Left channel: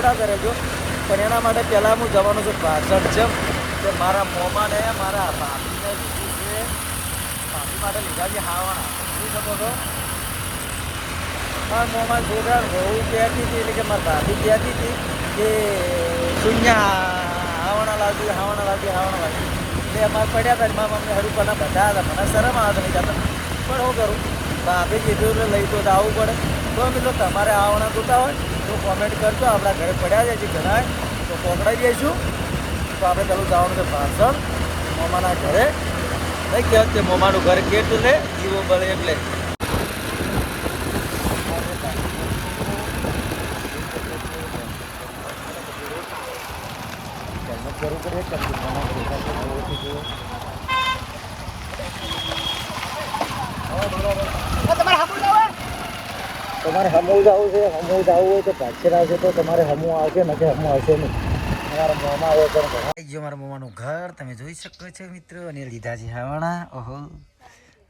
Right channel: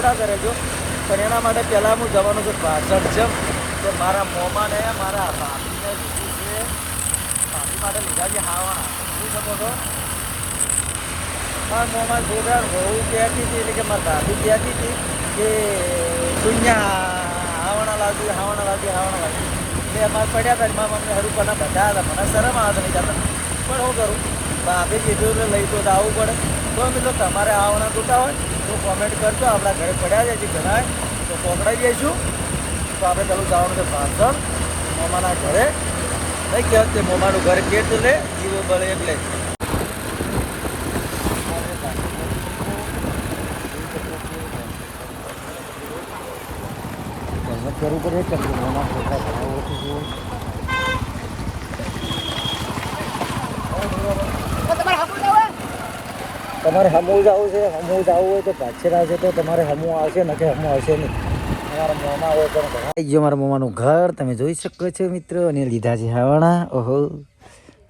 જોડાતા રહેજો પણ એના માટે પહેલાં હું જવાનું છું પાછળ છે. કે મારા મોમાને મારા ભાભીને છે. ભાભી માટે લીધા છે હાવાણા જોઈ શકો છો. હા મોમાં જોરદાર બહુ કહેતી હતી એટલે કે મારા ભાભી કહેતી હતી કે શૂન્ય હાવણા લાગ્યું હાવણા લાગ્યું હાવણા લાગ્યું એટલે અમારે પડ્યા હતા મારા મમ્મી હરું પણ બધા હતા. મને શરમ આવે નહીં જતા પણ હું કરું? ભાભી એટલે લઈ તો આવવું પડે. તો મિત્રો, તમારે આવણા જોતા હોય? તો કોમેન્ટ કરજો. આપણા ઘરે ચડાવી છીએ જણાય તો પકડાઈ જઈશું તો આપણે ચાલુ જવાનું છે પાછળ મોમાના ઘરે. કહે કે મોમાનું ઘર કેટલું લે જીવો બળે એટલે. શરૂ કરીએ તમારે હમવું જવું છે નહીં. તમારા મોમાં હોય તો આવી મારા ઘર, તમે જોઈ શકો છો મિત્રો, અને લીધા છે હાવણા. ઓહો.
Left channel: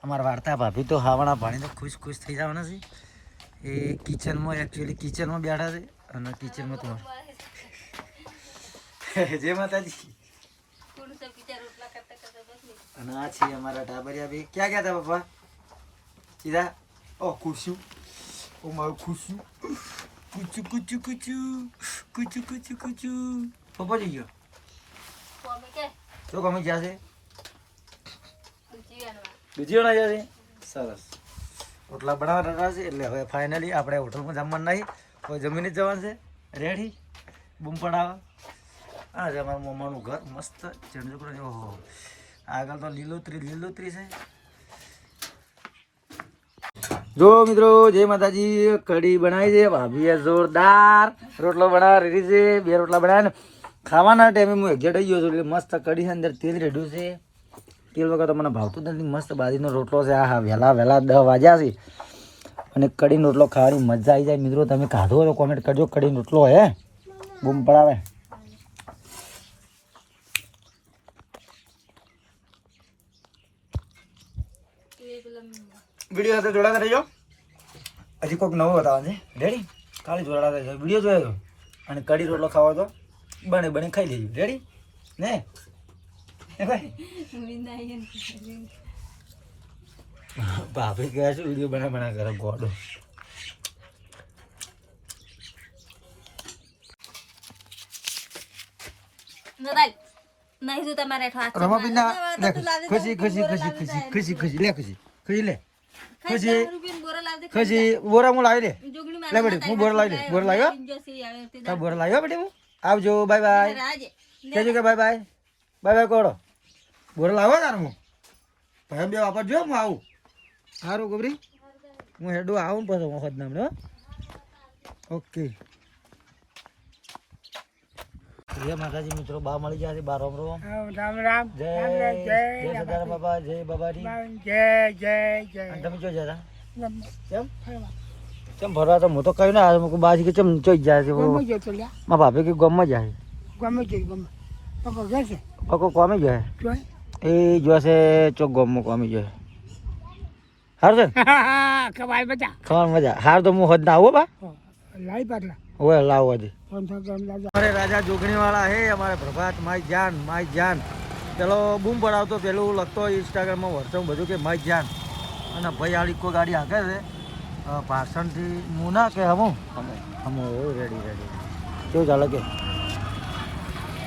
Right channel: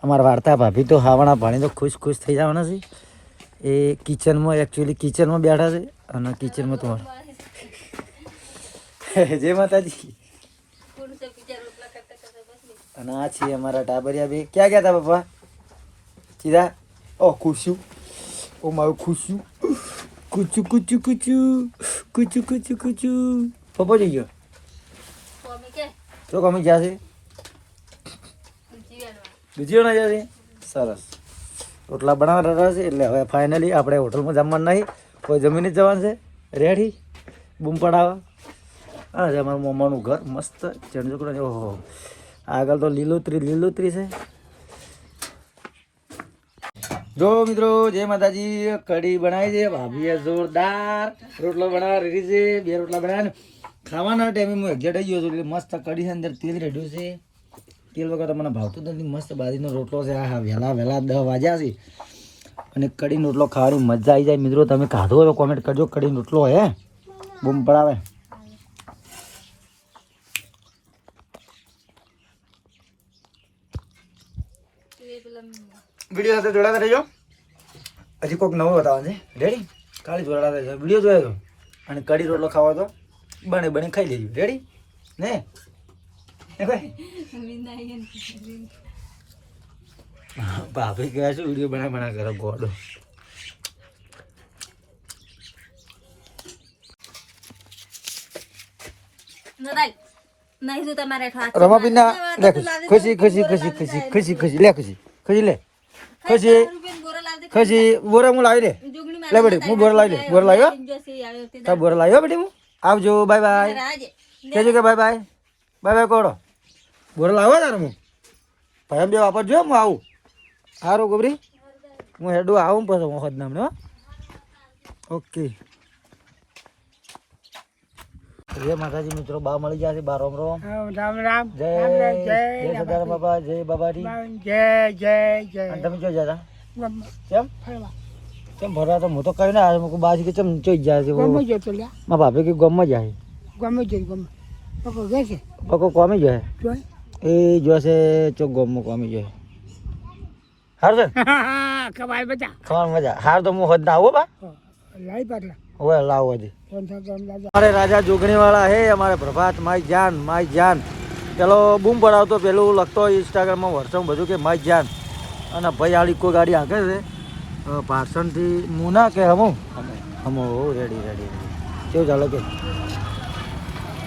અમારા વાર્તા ભાભી તો હાવણા ભાણી તો ખુશ ખુશ થઈ જવાના છે. એ કિચનમાં એકચ્યુઅલી કિચનમાં બેઠા છે, અને કિચનમાં તમારે જય માતાજી. અને આ છે અમારા ટાબરિયા બે. ક્યાં ગયા હતા પપ્પા? સીધા ઓ ખુશું ઓ મારું ખુશું કુચુ કુચુ કુચું કુચુ કુચુ કુચું પપ્પા જઈ ગયો તો કમી ગયા છે બીજી ના ગયા છે સરસ。રોટલા બનાવવા રહ્યા છે એટલે હવે ફાઇનલી આપણે હોટલમાં જમવાનું નહીં. કોઈ જમીને જવાનું છે. રેડી બૂમ પડાવવા છે અમારું મમ્માનું ઘર. મસ્ત. ચણચોકડા ઓહો. આગળ તો લીલોતરી લીલોતરી છે. જો મિત્રો, જય માતાજી. કઢી બનાવી છે. ભાભીએ જોરદાર. રોટલો બનાવવા રેડી છે. બે રોટલા બનાવ્યા ખાવાના ટાઈમે હું એક્ઝેટ આવી ગયો છું એટલે મસ્ત કઢી છે. અંદર તેલ રેડ્યું છે. તેલ વગર તો મને ભાવતું જ નથી. મસ્ત બાજરીનો રોટલો છે. આ હા વહેલા વહેલા દહ વાગ્યા છે. અને કઢીનો રોટલો ખાવાની મજા આવી જાય. મિત્રો, તમે ખાધો તો કોમેન્ટ કરજો. કઢીનો રોટલો હે. બૂમ પડાવે. વીડિયો સાથે જોડાતા રહેજો. હજી કોઈક નવો બતાવવાનું છે. રેડી ખાલી જોડાતા રહેજો. વીડિયો જોયો અને કઢી રોટલો ખાવા તો બને બને ખાઈ લેજો. રેડી ને? ભાભી ગયા છે વીડિયો બના બના કરો ગોડો લે ખુશી ખુશી ખુશી ખુશી ખુશી ખુશી લે ખુશી. ખુશી લે. ખુશી ખુશી બોરા હું લાવી લે લે બેટી હું બોરા લાવી લે બોરા લાવ્યો તાર બોરા લાવ્યો બેટી હું? આવજો બાય બાય. કહેજો કે બાય બાય. બાય બાય કોડો. બોરા લાવો તાર હું. ભાઈ બે વાપરજો હું આવું. સારું ગોબરી. હું હેડું આવું પછી હો. ઓકે. જય માતાજી મિત્રો બા મળી જશે છે. બાર રોમ. રોમ રામ રામ જય જય સદાર બાબા જય બાબાજી. જય જય જય. તમે જો જતા કેમ? કેમ ભરવા તો હું તો કહ્યું ને મૂકું બાજી કે કેમ ચોઈ જાય છે. મારા ભાભી કે ગમમાં જાય ગમે જઈ ગમે. પકો ગયા છે? પકો કોમે જાય. એ જોશે ચોક ગમમાં કોમી જાય. હાર છે? ચાલ મજા. હાર તો હું હોદ ના આવો બા. લાઈ પાટલા. હવે લાવો અમારે રાજા જોગણી વાળા હે અમારે પ્રભાત માય જાન માય જાન. પેલો બૂમ પડાવતો પેલું લખતો હોય ઇન્સ્ટાગ્રામમાં વર્ષમ બધું કે માય જાન. અને ભાઈ આળી કોઈ ગાડી હાકે છે. પાર્સનથી મુના કે હમું? હમું રેડી રેડી કેવું ચાલે કે?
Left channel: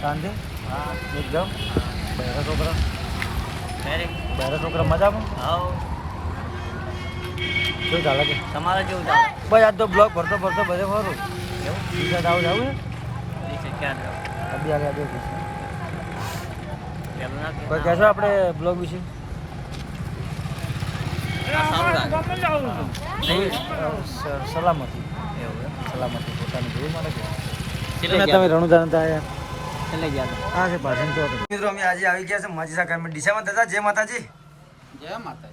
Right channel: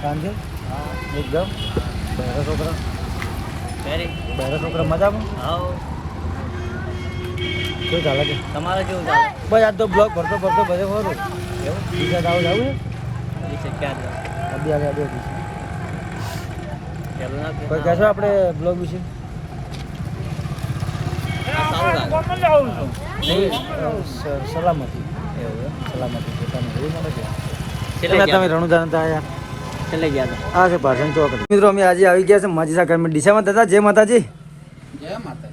સાંજે હા. એકદમ? બહેરા છોકરા? બહેરા છોકરા મજામાં? કેવું ચાલે કે? તમારે કેવું ચાલે? ભાઈ આ તો બ્લોગ ભરતો ભરતો બધે ખરું એવું બીજા જાવ જાવું છે ક્યાં જાવ અભી આગળ આગળ પેલું ના કોઈ કહેશો આપણે બ્લોગ વિશે સારું લાગે સલામતી એવું સલામતી પોતાની જોઈ મળે છે તમે ગયા હતા હા છે ભાષણ ચોક મિત્રો અમે આજે આવી ગયા છે માજીસા ગામમાં ડીસામાં દાદા જય માતાજી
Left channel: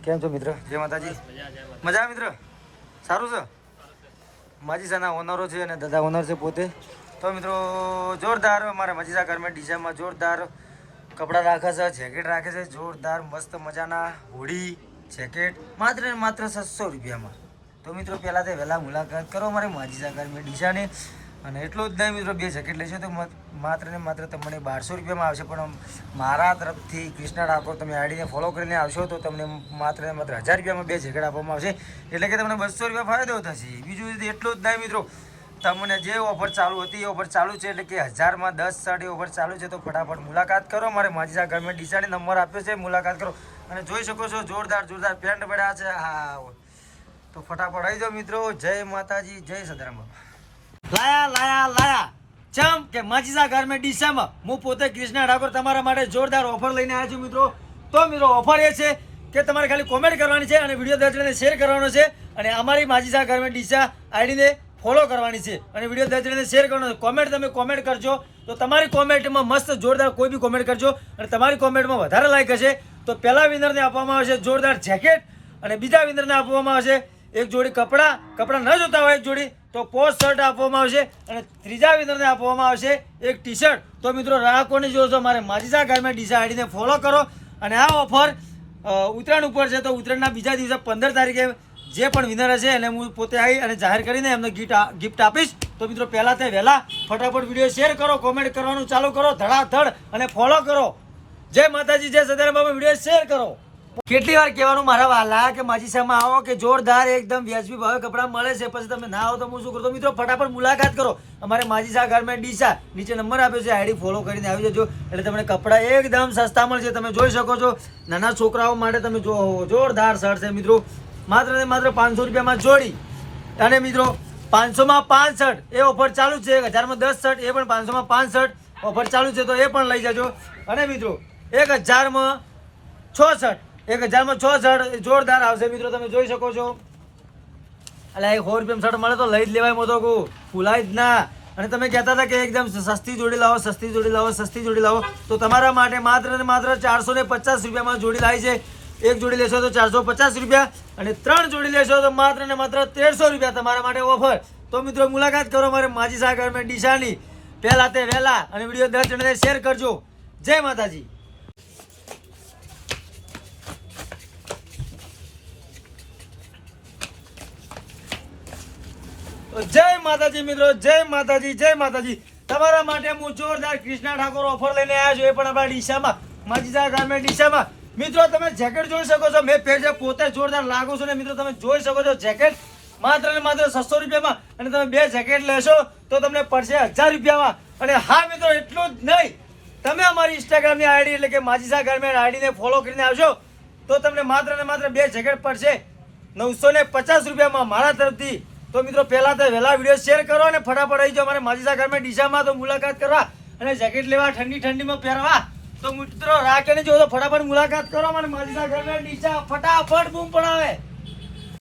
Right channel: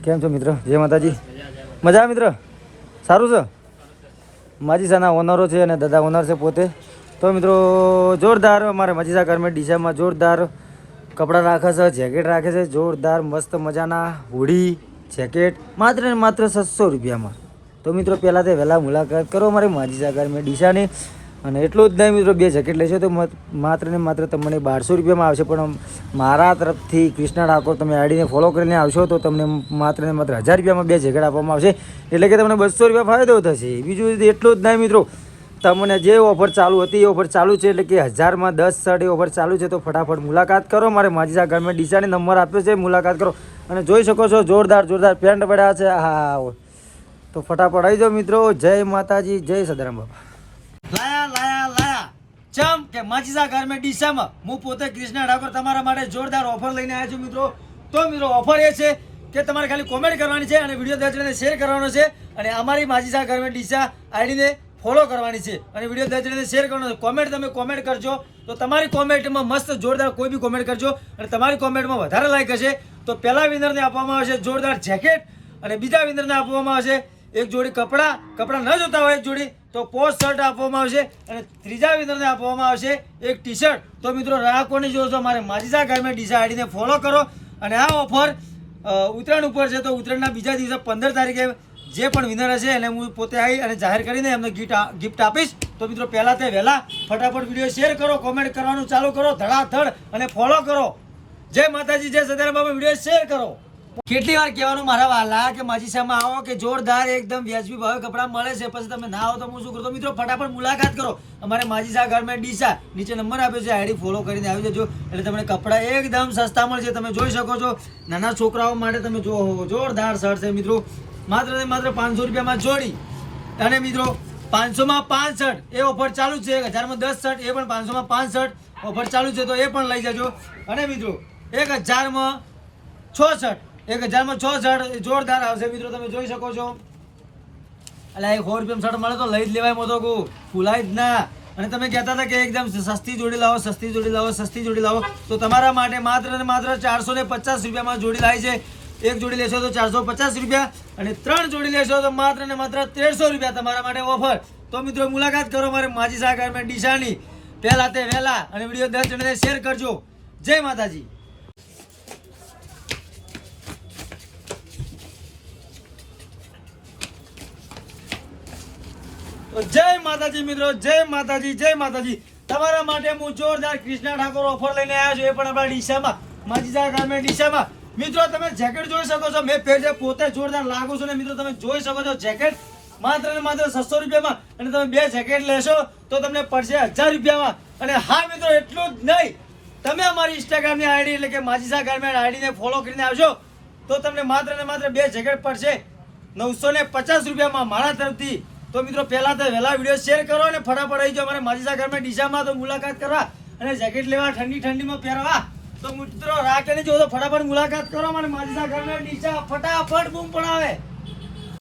કેમ છો મિત્ર જય માતાજી મજા મિત્ર સારું છે માજીસાના ઓનરો છે અને દાદા ઓનર છે પોતે. તો મિત્રો, જોરદાર અમારે મજીસા ગાર્મેન્ટ ડીસામાં જોરદાર કપડાં રાખે છે જેકેટ રાખે છે, જોરદાર મસ્ત મજાના હોડી જેકેટ માત્ર ને માત્ર છસો રૂપિયામાં. તો મિત્રો પહેલાં તે વહેલા મુલાકાત કરો અમારે માજીસા ગાર્મેન્ટ ડીસાની. અને એટલું જ નહીં મિત્રો બે જેકેટ લેશો તો મત- માત્ર ને માત્ર તમને બારસો રૂપિયામાં આવશે. પણ મારા તરફથી કૃષ્ણા ઠાકોર તમે આઈડીને ફોલો કરીને આવશો તો તમને માત્ર ને માત્ર હજાર રૂપિયામાં બે જેકેટ આપવામાં આવશે. એટલે કે તમને બસો રૂપિયા ફાયદો થશે. બીજું એટલું જ નહીં મિત્રો, તમને જે ઓફર ચાલુ હતી એ ઓફર ચાલુ છે. એટલે કે હજારમાં દસ શર્ટ એ ઓફર ચાલુ છે તો ફટાફટ મુલાકાત કરો. મારે માજીસા ગામે ડીસાને નંબર આપ્યો છે, મુલાકાત કરો. અને જોઈ શકો છો, જોરદાર જોરદાર પેન્ટ પડ્યા છે. હા તો ફટાફટ આવી જાઓ મિત્રો. જય માતાજી, જય સદારામ બાપા. લાયા લાયા લાયા. ચમ કે માજીસા ગાર્મેન્ટ ડીસામાં હું પોતે કૃષ્ણા ઠાકોર તમારા માટે જોરદાર ઓફર લઈને આવ્યા છું મિત્રો. તો મિત્રો, ઓફર એ છે કે તમારે ખાલી કોમેન્ટ કરવાની છે અને વીડિયો દર્શને શેર કરવાનો છે અને અમારી માજીસા ગાર્મેન્ટ ડીસા આઈડીને ફોલો કરવાની છે અને વીડિયો દર્શને શેર કરવાનો છે. કોમેન્ટ તમે કોમેન્ટ કરજો. તો તમારી કોમેન્ટમાં મસ્ત જોરદાર કોઈ બી કોમેન્ટ કરજો અને તમારી કોમેન્ટમાં વધારે લાઈક હશે. તો પહેલા વિનરને આપવામાં આવશે જોરદાર જેકેટ અને બીજા વિનરને આપવામાં આવશે એક જોડી કપડાં કપડાં ન જોતા હોય એક જોડી, તો પોસ્ટ શર્ટ આપવામાં આવશે અને ત્રીજા વિનરને આપવામાં આવશે એક ટી શર્ટ તો મિત્રો રાહકોની જોશો મારે માજીસા ગાર્મેન્ટ ડીઝા આઈડીને ફોલો કરો અને આ ઓફર ઉત્તરાયણ ઉપર છે, તો ઉત્તરાયણના બીજા દિવસે પંદર તારીખે જે પણ વિનર હશે એને હું પોતે આવી અને જાહેર કરીને એમને ગિફ્ટ ગિફ્ટ આપીશ. તો મિત્રો પહેલાં તે વહેલા ફટાફટ વીડિયો શેર કરો કોમેન્ટ કરવાનું ચાલુ કરો, ધડાધડ અને ફોલો કરો. જય માતાજી, જય સદારામ બાબા વીડિયો શેર કરો. કેટલી વાર કહેવાનું મારા વાલા કે માજીસામાં આવો કે જોરદાર એકદમ વ્યાજબી ભાવે કપડાં મળે છે, પછી તમે ના આવો તો હું શું કરું? તો મિત્રો, ફટાફટ મુલાકાત કરો. અમારે માજીસા ઘરમાં ડીસા નીચે નંબર આપ્યો છે, આઈડી ફોલો કરીને આવી જજો. એટલે તમને કપડાં એકદમ સસ્તા મળશે તમે જોઈ શકો છો. નાના છોકરાઓ માટે તમે જો જોરદાર શર્ટ છે, મિત્રો. માત્ર ને માત્ર પાંચસો રૂપિયામાં જોડી. અને મિત્રો, પાંચસોમાં પાંચ શર્ટ, એ ઓફર ચાલુ છે. એક હજારમાં દસ શર્ટ, એ પણ પાંચસોમાં પાંચ શર્ટ. ઓફર ચાલુ છે, તો એ પણ લઈ જજો. અને મિત્રો, એક હજારમાં છ શર્ટ. એક હજારમાં છ શર્ટ જોરદાર આવશે મિત્રો, તમે જોઈ શકો છો. એટલે એક સો રૂપિયા શર્ટ મળે તો લઈ જ લેવાય મોતો કહું ભૂલાય જ ના. અને તમે કહેતા હતા કે એકદમ સસ્તી જોડી લાવો, સસ્તી જોડી લાવો, સસ્તી જોડી લાવો. તો તમારા માટે માત્ર ને માત્ર ચારસો ને પચાસ રૂપિયામાં જોડી લાવી છે. એક જોડી લેશો તો ચારસો પચાસ રૂપિયા અને ત્રણ જોડી લેશો તો માત્ર ને માત્ર તેરસો રૂપિયા તમારા માટે ઓફર. તો મિત્રો, મુલાકાત કરો મારે માજી સાગર મેં ડીશાની પહેલા તે વહેલા અને વીડિયો દસ જણાને શેર કરજો. જય માતાજી. તો જય માતાજી મિત્રો, જય માતાજી જય માતાજી. તમારા માટે હું જોરદાર કૃષ્ણા ઠાકોર ઓફર લઈને આવ્યા છું. એ પણ આપણા ડીસામાં, માજીસા ગામે ડીસામાં. મિત્રો, તમે જેકેટ જોઈ શકો છો. મેં પહેર પોતે જોરદાર લાગુ છું ને મિત્રો, તમે જોઈ શકો છો જેકેટ માત્ર ને માત્ર છસો રૂપિયામાં અને તમે બે જેકેટ લેશો તો તમને પડશે હજાર રૂપિયામાં. અને હા મિત્રો, એટલું જ નહીં. તમે અમારી ઇન્સ્ટાગ્રામની આઈડી એટલે કે માજીસા ગાર્મેન્ટ આઈડીને ફોલો કરીને આવશો તો તમને માત્ર ને માત્ર બે જેકેટ પડશે. નવસો ને પચાસ રૂપિયામાં મારા તરફથી તો મિત્રો, પહેલા તો વહેલા વીડિયો શેર કરો અને ફટાફટ આવી જાઓ અમારે માજીસા ઘરમાં. ડીસામાં તો મુલાકાત કરવા અને જેકેટ લેવા, ઠંડી ઠંડીમાં પહેરવા. તો મિત્રો રાખે નહીં જો તો ફટાફટ મુલાકાત કરો. મને માજીસા ગાર્મેન્ટ ડીસા ફટાફટ બૂમ પડાવે.